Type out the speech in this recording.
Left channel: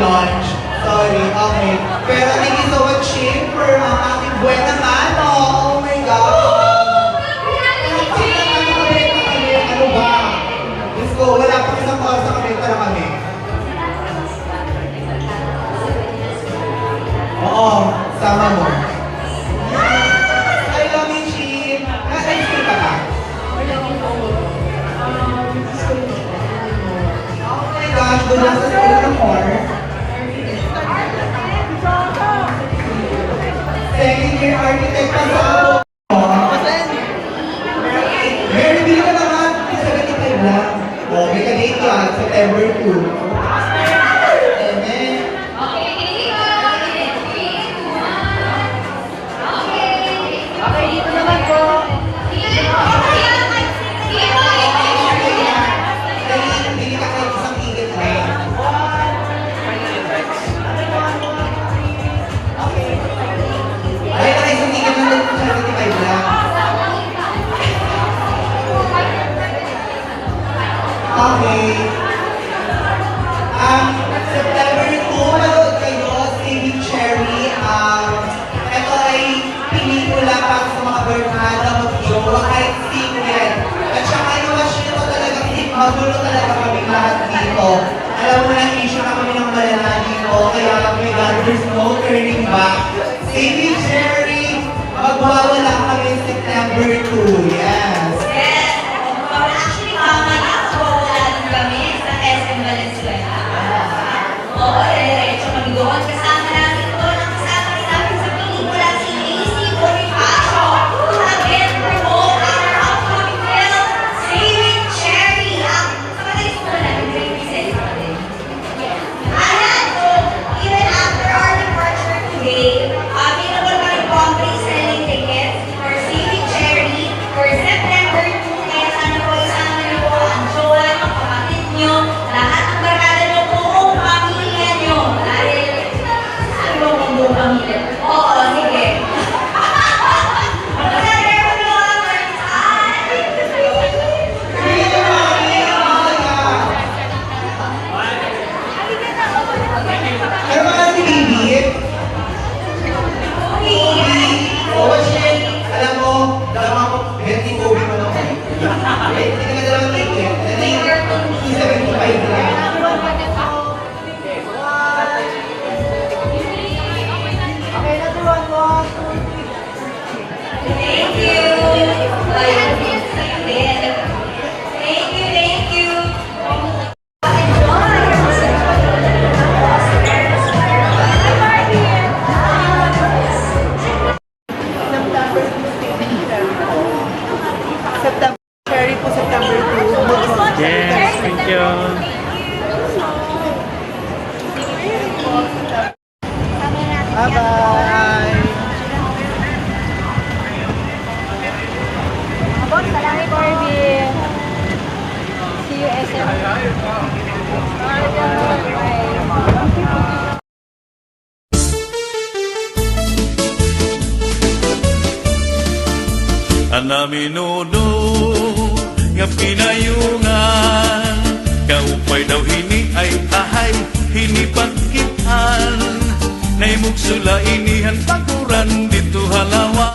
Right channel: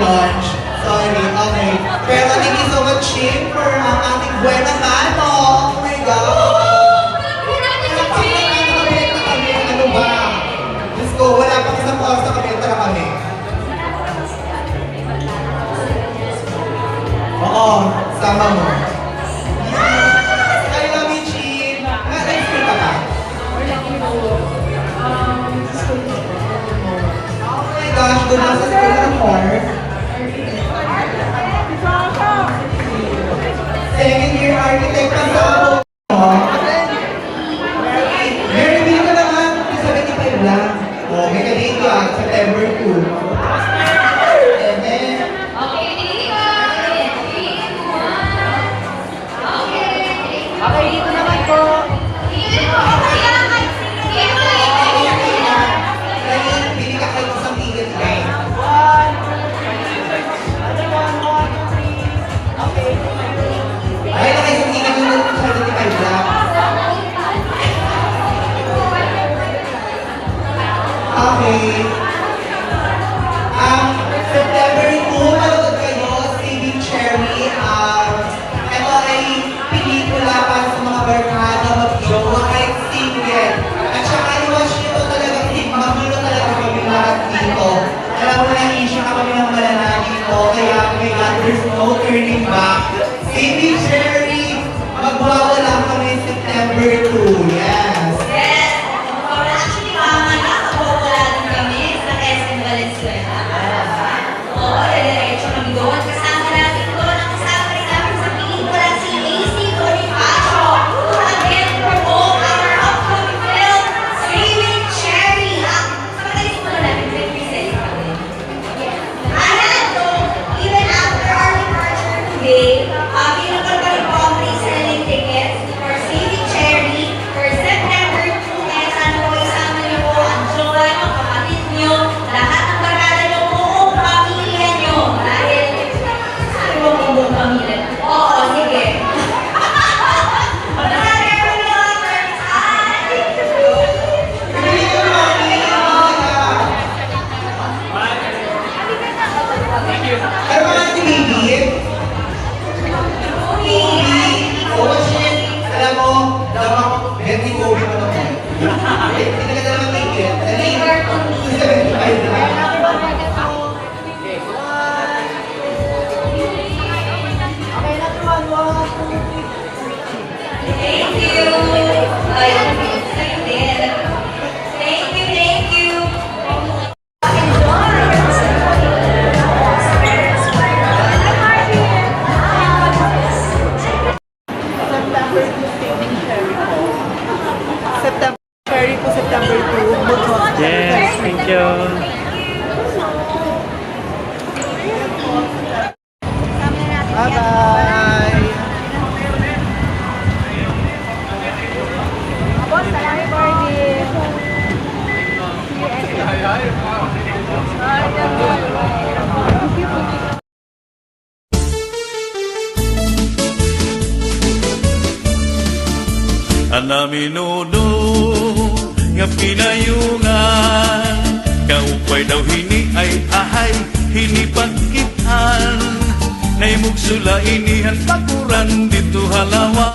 lunch. Sorry, okay. Pero thank you so much, Shin, for ating buena mano. Oh my God! Ano ba? Let's go. Wala pa isang oras sa kami. Tara kami. Oo, sama mo. I love you, Shin. Naka-explain ka ba? Oh my gosh, doon lang sa school ng course. Second year architect pa sa Mary, hindi ka naman. 75 lang. Oh, may kadate ka. September 2. Okay, dito naman po. Hindi ka kayo isang tigil na. Ay, na isang tigil na 75 lang. Okay. September 2, nanood kayo, Saving Cherry. Ito ay pelikula para sa mga barkada, mag-jowa, kahit single. At saka i-watch nyo to talaga, magulo talaga kami lahat dito. Alam mo na, isya kami ng malala dito, kaya may God, there's no turning back. Saving Cherry, magwawala kami September 2, yes. Pero mga si Bibi, alam mo, Betty Kobe mo naman. Hindi ka dalawang ticket. Okay, natuwan mo. Thank you. Thank you. September Cherry po, September 2. Mood Yes, thank you. Bye-bye. Boss, salamat po. See you SM. Anaminuno nga pinayungan, kaupay daw hini ay ahay hinipakitan, naimug sula inihan pakuran dito halawa.